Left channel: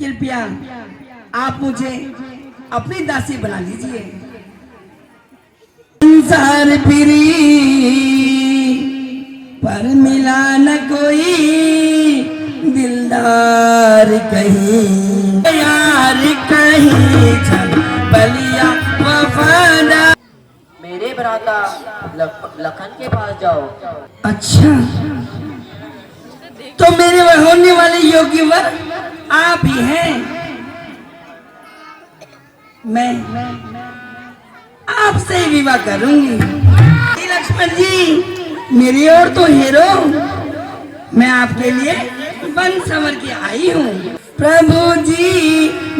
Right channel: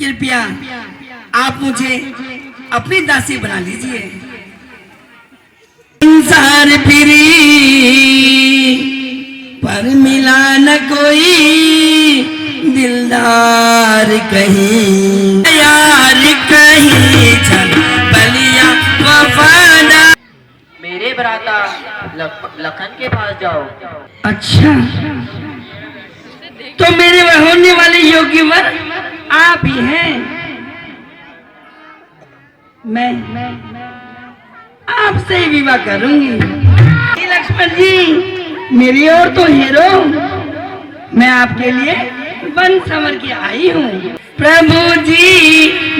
कृपया आप मुझे अपनी दासी बना लीजिए। संसार फिरी पर मिला न कोई दिलदार, कहीं यार कहीं चल बलिया वफादा। मेरे भ्राता लखन के पास जाओ। अच्छा, तो मेरे होने वाले योग्य वर आप ही हैं। मैं आपसे ही विवाह करूंगी। लक्ष्मण जी मेरी और तो हीरो, मैं आपके लिए बन संवर के आई हूँ। प्रभु जी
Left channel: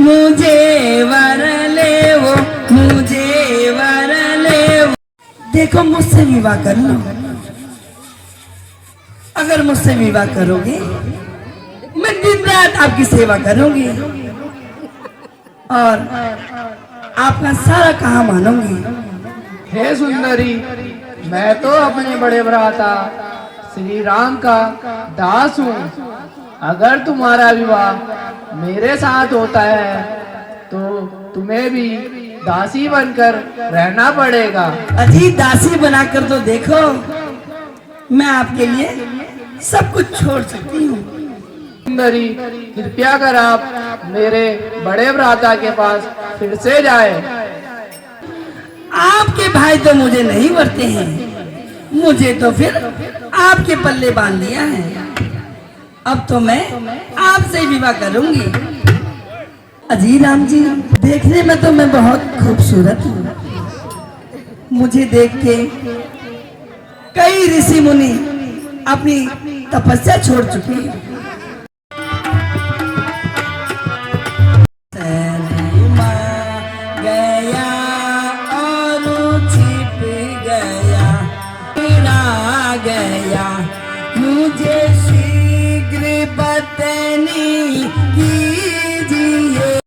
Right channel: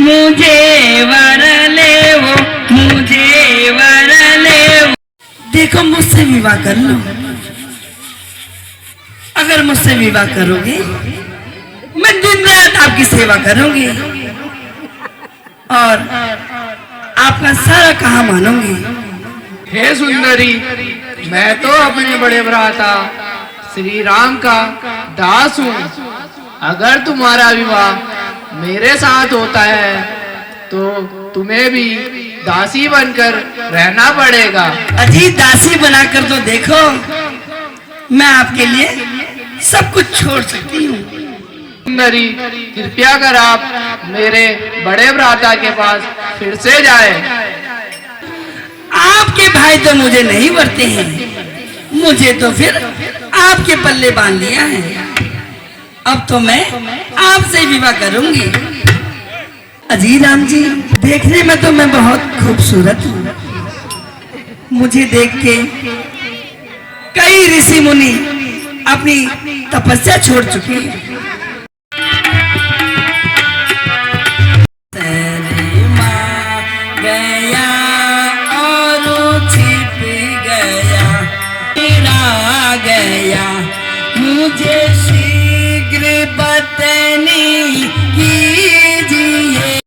मुझे वर ले वो, मुझे वर ले वो। देखो मुझसे विवाह कर लो। अगर मुझसे विवाह करोगे मैं दिन रात आपकी सेवा करूंगी और आपका सारा कहा मानूंगी। हे सुंदरी, मैं तो अपने बड़े भ्राता श्री राम का दास हूँ। अगर तुम्हारा विवाह मेरे साथ होता है तो तुम्हें भी दासी बनकर रहना पड़ेगा। अजी दासी बनाकर तो देखो, मैं आपके लिए सब कुछ छोड़ सकती हूँ। सुंदरी, कृपया कर आप मेरे बड़े भ्राता के पास फिर से जाए। आपके भाई तो मुझे नहीं वरते हैं, मुझे तो फिर आपके पल्ले बांध लिया है। अब तो मैं आपसे विवाह करूंगी। अजी राम जी, देखने में तो मैं बहुत खूबसूरत हूँ। मुझे देख के कई ऋषि मुनि अपनी तपस्या छोड़ चुके हैं। गया और छिप गया, तेरा गया मुझे शीघ्र बतनी कीजिए।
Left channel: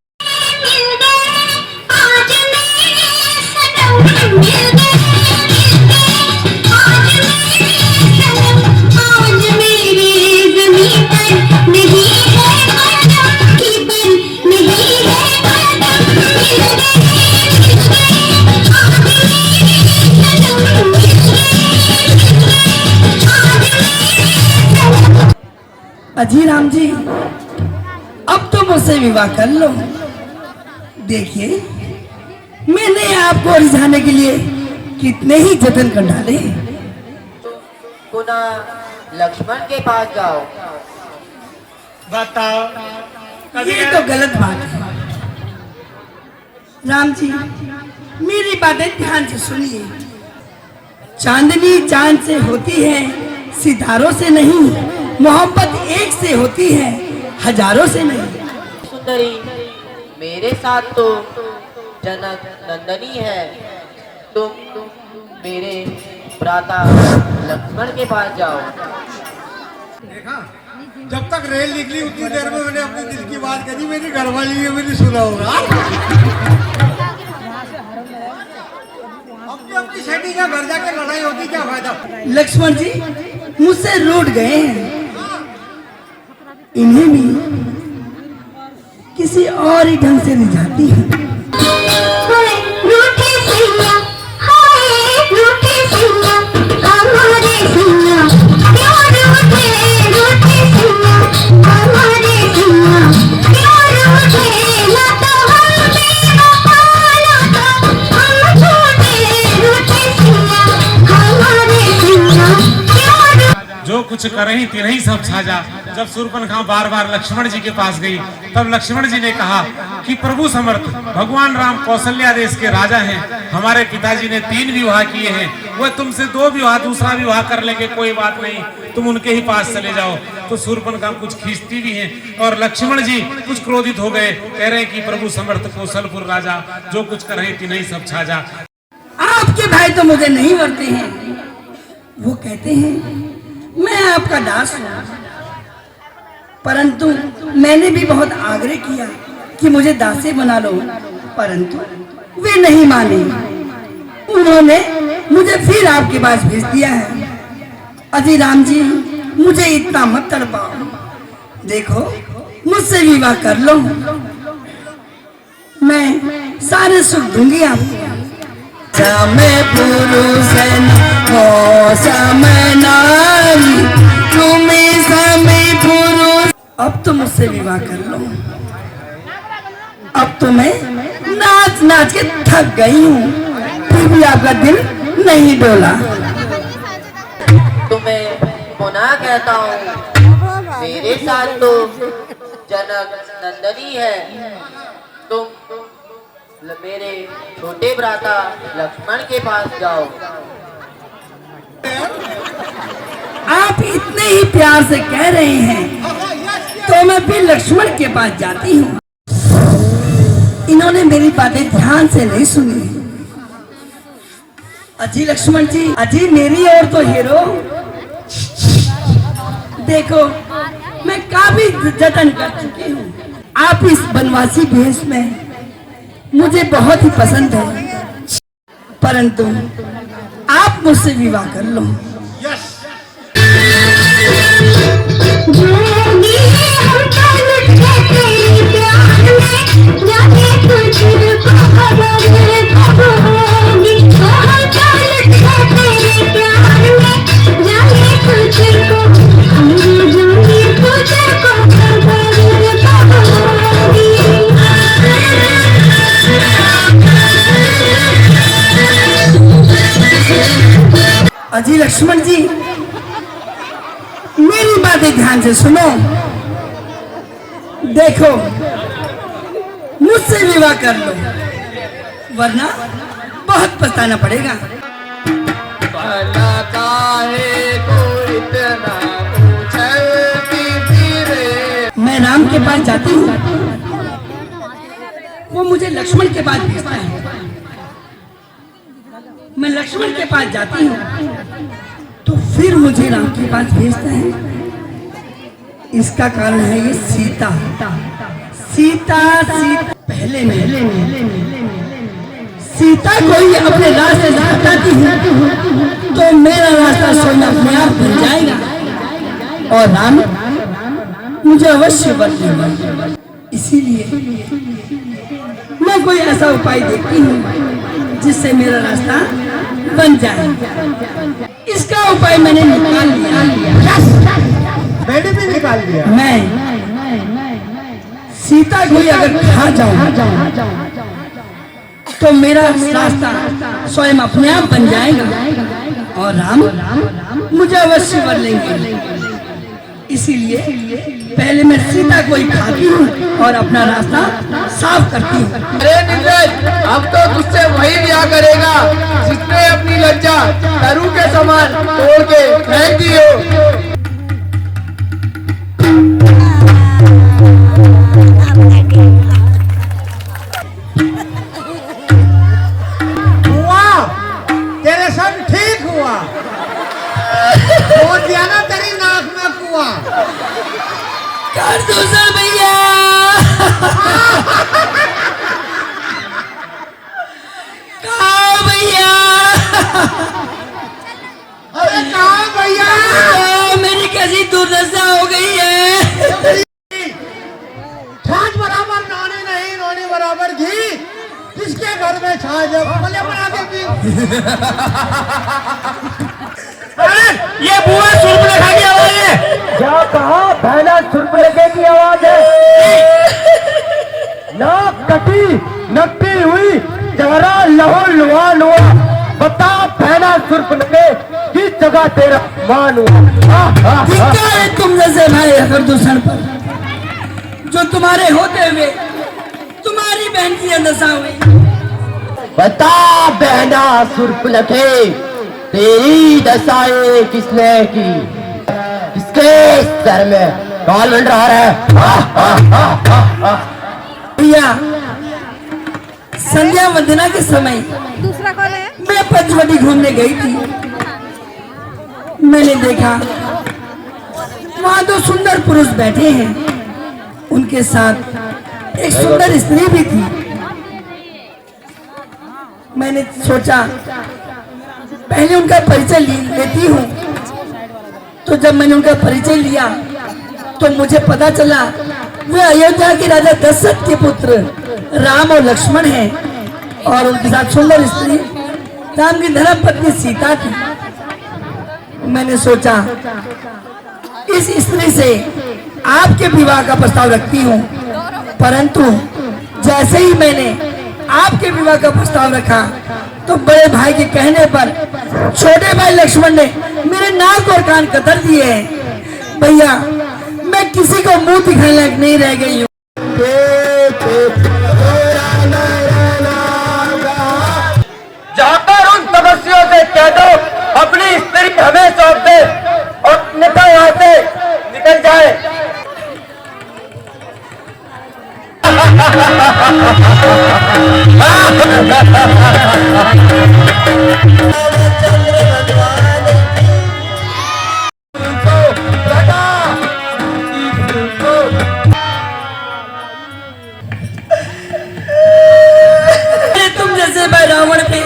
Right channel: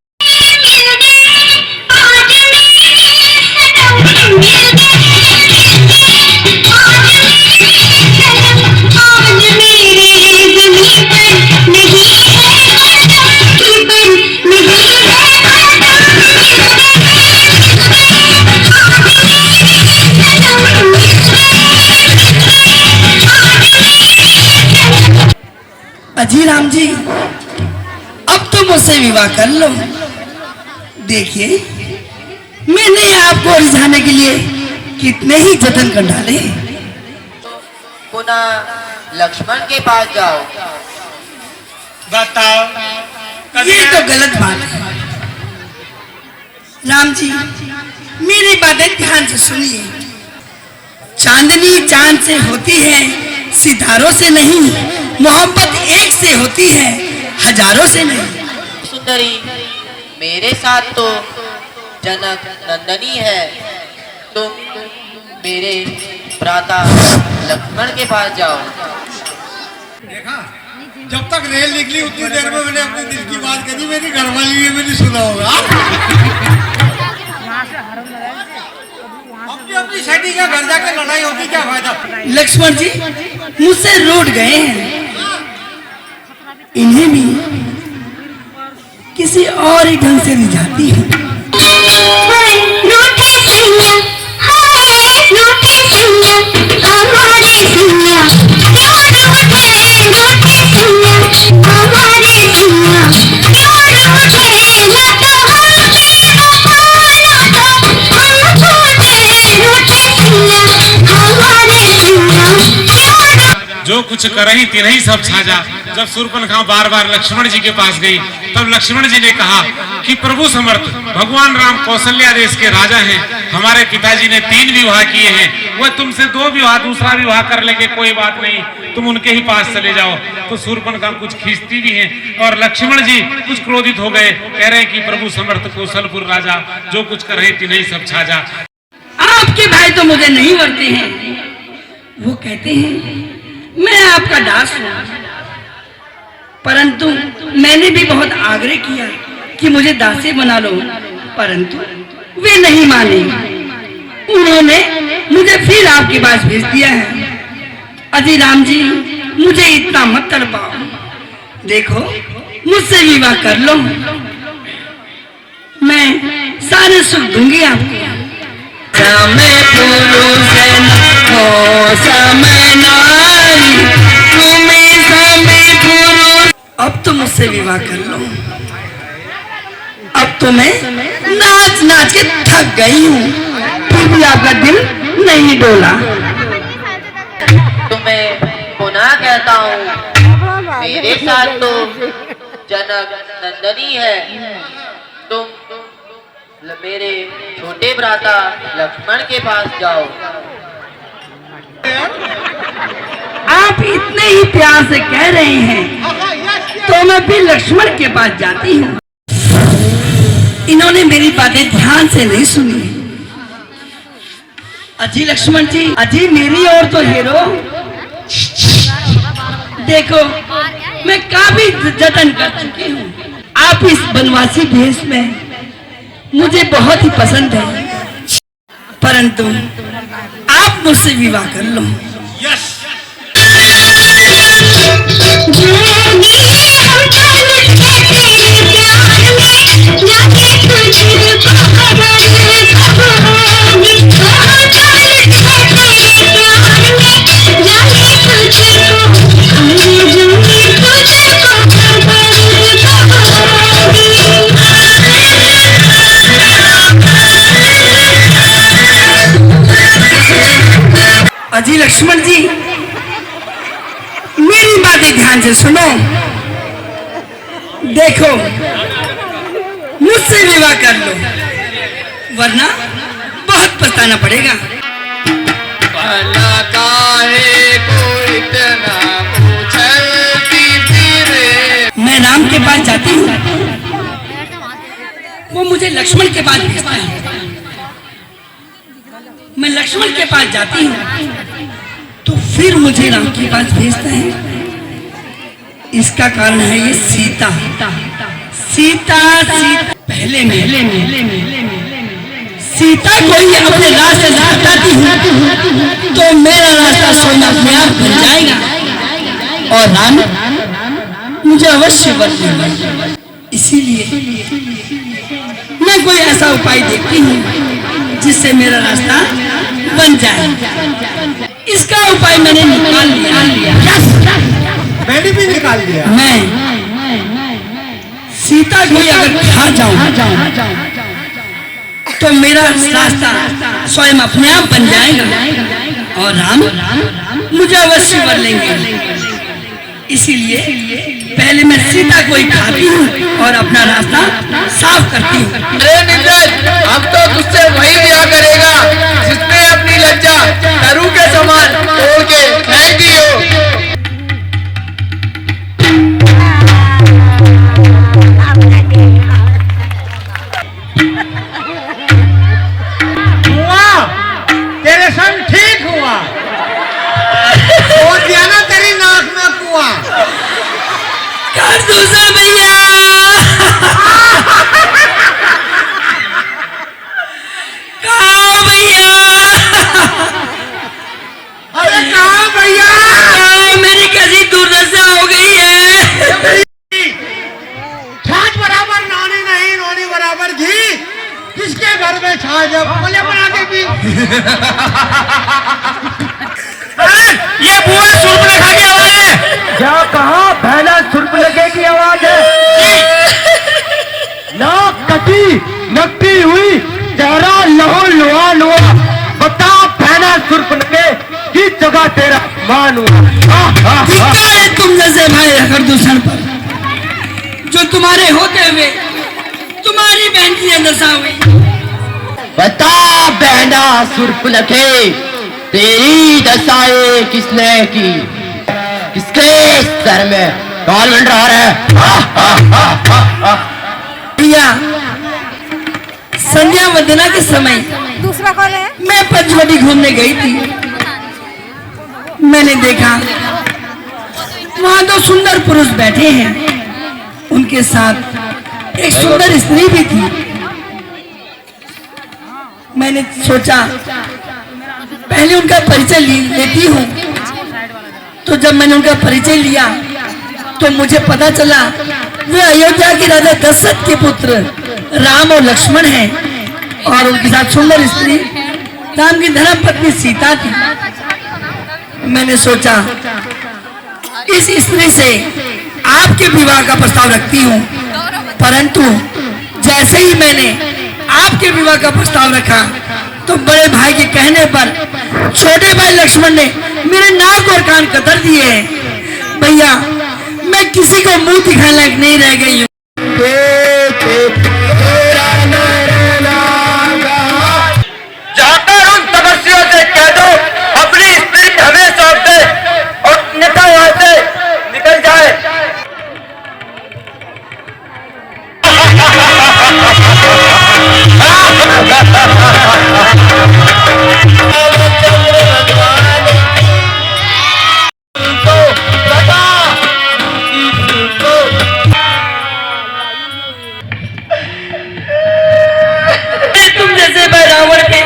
अजी राम जी, अब तो मुझसे विवाह कर लो। देखिए मैंने आपको रिझाने के लिए कितने ही जतन कर डाले। पुनः लक्ष्मण के पास जाओ। बताओ, ये तो गलत बात है। राम जी मेरी बातें ध्यान से सुनिए। चांदनी चांद से होती है, सितारों से नहीं। मोहब्बत एक से होती है, हजारों से नहीं। सुंदरी, मेरे साथ तो जनक नंदनी है। तुम मेरे भ्राता लक्ष्मण के पास जाओ। देखा, जब तक रेल निकली उतनी देर में मैंने अपने दिल की बात कही। मेरी घरवाली ने भी नहीं सुना होगा। अपनी सेटिंग का घर जाकर लड़ाई होगी, क्या फायदा। लक्ष्मण जी मुझसे रूठ गए हैं, इन्हें भी किसी और ही ढंग से रिझाती हूँ। जो कुछ करही तिनही सब छाजा। जब शूर्पणखा बार बार लक्ष्मण जी के पास गई, तब लक्ष्मण जी ने कहा कि प्रभु समर्थ, भगवान राम कौशल्या देश के राजा हैं। हमारे पिताजी ने 3 विवाह किए हैं, वह तुमसे 2 विवाह, दूसरा विवाह कर लेंगे, कोई बात नहीं, तुम उनके ही पास चले जाओ। तो शूर्पणखा कुछ खींचती भी हैं और लक्ष्मण जी कुछ क्रोधित हो गए, कह रहे कि प्रभु समर्थ कौशलपुर राजा, जो कुछ करही तिनही सब छाजा। आपके भाई तो मुझे नहीं वरते हैं, वो कहते हैं मैं आपका दास हूँ। परंतु मैंने भी बहुत आग्रह किया कि मुझे दासी बना लो, परंतु वे नहीं माने। उन्होंने मुझे फिर आपके पास भेज दिया है। अजी राम जी मुझे इतना मत तड़पाओ। देखो मुझसे विवाह कर लो, मैं सारे सुख दूंगी आपको। समय पुरुष हो समय नारी, तुम्हें समय पुरुष। अब तो मुझसे विवाह कर लो, अब तो मैं नाच नाच के थक गई हूँ, फिर भी आपका दिल नहीं डोला। तुम्हें पुनः कहता हूँ, मेरे साथ तो जनक नंदनी है, तुम मेरे छोटे भ्राता लक्ष्मण के पास जाओ। आप इतने ही प्यार से कह रहे हैं तो मैं भी लक्ष्मण के पास जाती हूँ। इन्होंने मेरी बातें ध्यान से नहीं सुनी। अजी लक्ष्मण जी, अजी मेरी और तो हीरो, देखो मैं काफी जतन कर चुकी हूँ। आप इस बनवासी भेष में मुझे बहुत ही पसंद है, परंतु आप मुझसे विवाह कर लो। यस। अजी लक्ष्मण जी, मेरी बातें ध्यान से सुनो। देखो मुझसे विवाह कर लो, वरना बहुत पछताना पड़ेगा। भला काहे को इतना उछलती फिरे। मैं राम के पास जाती हूँ, वो मुझे लक्ष्मण के पास भेजता है। मैं लक्ष्मण के पास जाती हूँ तो फिर मुझे राम के पास भेजता है। इसका कारण है ये सीता। सीता पहले सीता को ही अपने रास्ते से हटाती हूँ तो मेरा रास्ता स्वयं अपने आप बन जाएगा और राम मुझे अवश्य वर देगा। इसीलिए मैं कोई ऐसा उपाय देखती हूँ जिससे मेरा रास्ता बन जाए। इसका उपाय मैंने निकाल लिया। मैंने भी निकाल दिया। मैं सीता को अगर खा जाऊं तो मेरा रास्ता स्वयं अपने आप बन जाएगा और राम मुझे अवश्य वर लेंगे। इसीलिए पहले मैं सीता को ही खाती हूँ और अपना रास्ता साफ करती हूँ। अरे नीरज, हम तो तुझसे वही ब्याह करेगा जिसने अपनी लज्जा तरु के समान तोड़ के फेंक दी हो। हुआ तेरे संग ठीक हुआ, और दिया ना तेरी नाक में कुआ। कर दूसरा भैया। कहाँ भैया? अरे कहाँ भैया? मेरी कैसी दुर्दशा हो गई है। छाछ बराबर नानी नहीं, नौनी बराबर घी। किसके घर में छाछ है? बोले बना के पी। ये बुआ सूर्पनखा की आवाज है। क्या कहा? पहला सुर्पनखे की आवाज है। नाक कटी नकटी हुई, चेहरा लहो लोहा लोहा। बता पहला सुर्पनखे की जगह तेरा मान हुआ। धिक्कार है तुम जैसे भाई अगर दूसर पर, जो तुम्हारे होते हुए तुम्हारी बहन की दशा हुई। बता बहना सुर्पनखे, तेरी दशाएं किसने की? किसके सर में कौन मंडरा रहा है? भैया, संध्या वंदना के समय दूसरा कॉल है। मैं पंचवटी घूमने गई थी। मैंने देखा वहां दो सुंदर पुरुष बैठे हैं, उनके साथ एक सुंदर स्त्री भी थी। मैंने सोचा पहले उनका परिचय लेती हूँ। तो जब मैंने उनका परिचय लिया तो मुझे पता चला वे अयोध्या के राजा दशरथ के पुत्र राम और लक्ष्मण हैं और उनके साथ सुंदर स्त्री राम की धर्म पत्नी सीता थी। मैंने सोचा इस स्त्री से आपके विवाह का प्रस्ताव रखती हूँ, परंतु जैसे ही मैंने आपके विवाह का प्रस्ताव रखा तो बड़े भाई के कहने पर छोटे भाई लक्ष्मण ने मेरे नाक और कान कतर दिए हैं। भैया मैं किसी को मुंह दिखाने लायक नहीं रह गई हूँ। जाकर उन तपस्वियों से कह दो अपनी स्त्री हमें सौंप दे और नेता वहां से निकल जाए। तुम जैसे भाई रावण के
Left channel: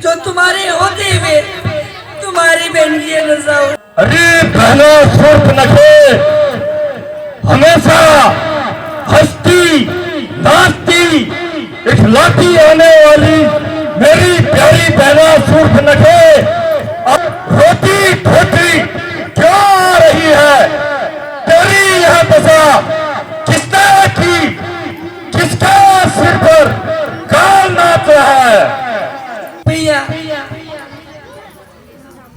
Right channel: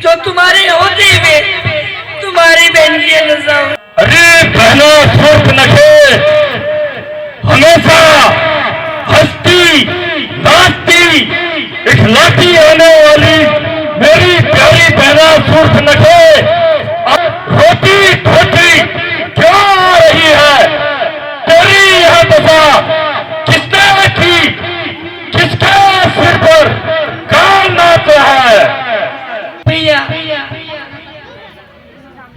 जो तुम्हारे होते हुए तुम्हारी बहन की नशा हो। अरे बहना शूर्पणखे, हमेशा हंसती नाचती इखलाती होने वाली मेरी प्यारी बहना शूर्पणखे रोती धोती क्यों आ रही है? तेरी यह दशा किसने रखी? किसके सिर पर काल नाच रहा है? भैया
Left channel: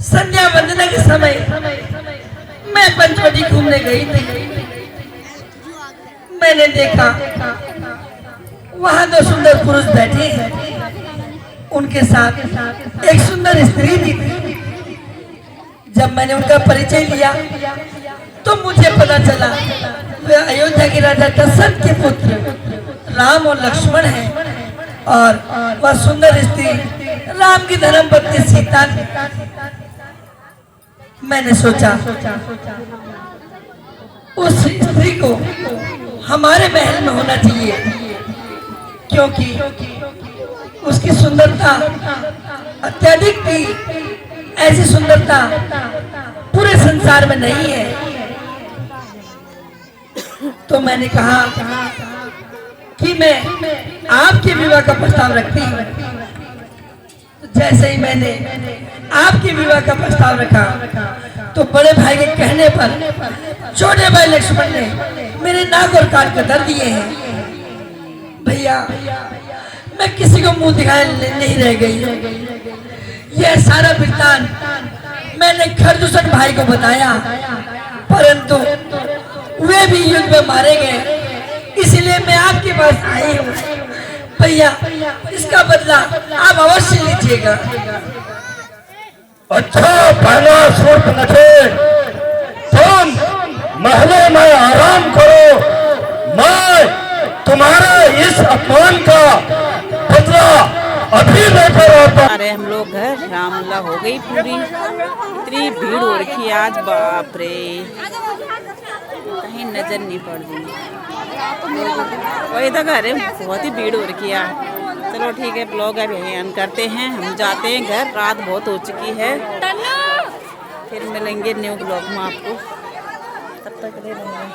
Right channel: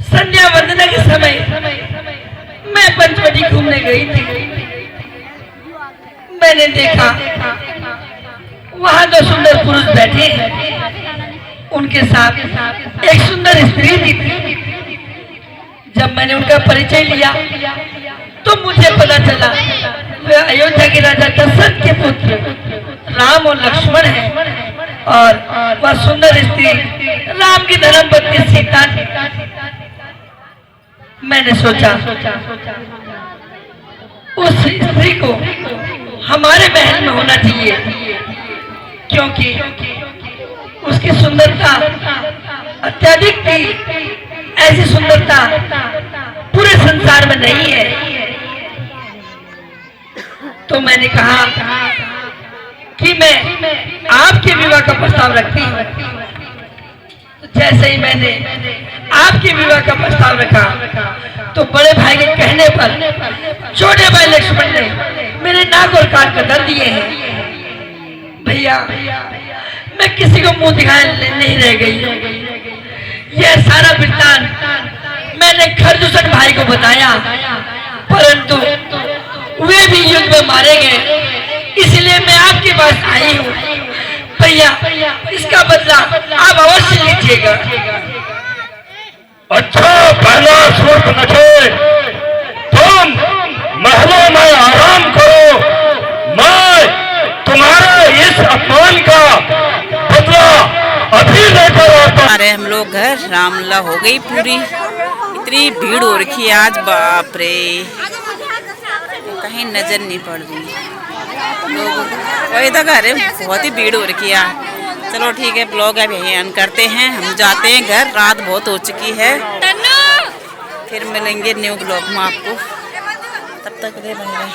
संध्या वंदना के समय मैं पंचवटी घूमने गई थी। मैंने देखा वहां दो सुंदर पुरुष बैठे हैं, उनके साथ एक सुंदर स्त्री भी थी। जब मैंने उनका परिचय लिया तो मुझे पता चला वे अयोध्या के राजा दशरथ के पुत्र राम और लक्ष्मण हैं और वह सुंदर स्त्री राम की धर्मपत्नी सीता थी। मैंने सोचा उस स्त्री को हमारे महल में होना चाहिए, क्योंकि उसकी सुंदरता अत्यधिक थी। ऐसी सुंदरता पूरे संसार में नहीं है। तो मैंने कहा कि मैं आपके विवाह का प्रस्ताव रखती हूँ। तो जैसे ही मैंने आपके विवाह का प्रस्ताव रखा तो बड़े भाई के कहने पर छोटे भाई लक्ष्मण ने मेरे नाक और कान कतर दिए हैं। भैया मैं किसी को मुंह दिखाने नहीं रह गई। यह सारा वृत्तांत मैंने खरदूषण भाई को बताया, परंतु वे भी युद्ध में मारे गए। इसलिए मैं आपके पास आई हूँ। भैया इसका बदला आप अवश्य लीजिएगा। अच्छा पहला शूर्पणखे, तुम महलों में आराम करो, मैं तुम्हारे इस अपमान का बदला अभी लेकर आता। अरे हम लोग घर रामला हो गई पूरी, इतनी भीड़ हो रखी है आज, बाप रे कहीं नजर नहीं पड़ रही लोग। वही तो घर है, बहुत ही भीड़ हो रखी है। चलो ठीक है, ब्लॉग अब यहीं एंड करते हैं, हम जाते हैं घर, रात बहुत हो चुकी है। फिर मिलेंगे न्यू ब्लॉग में आपको, तब तक के लिए बाय बाय।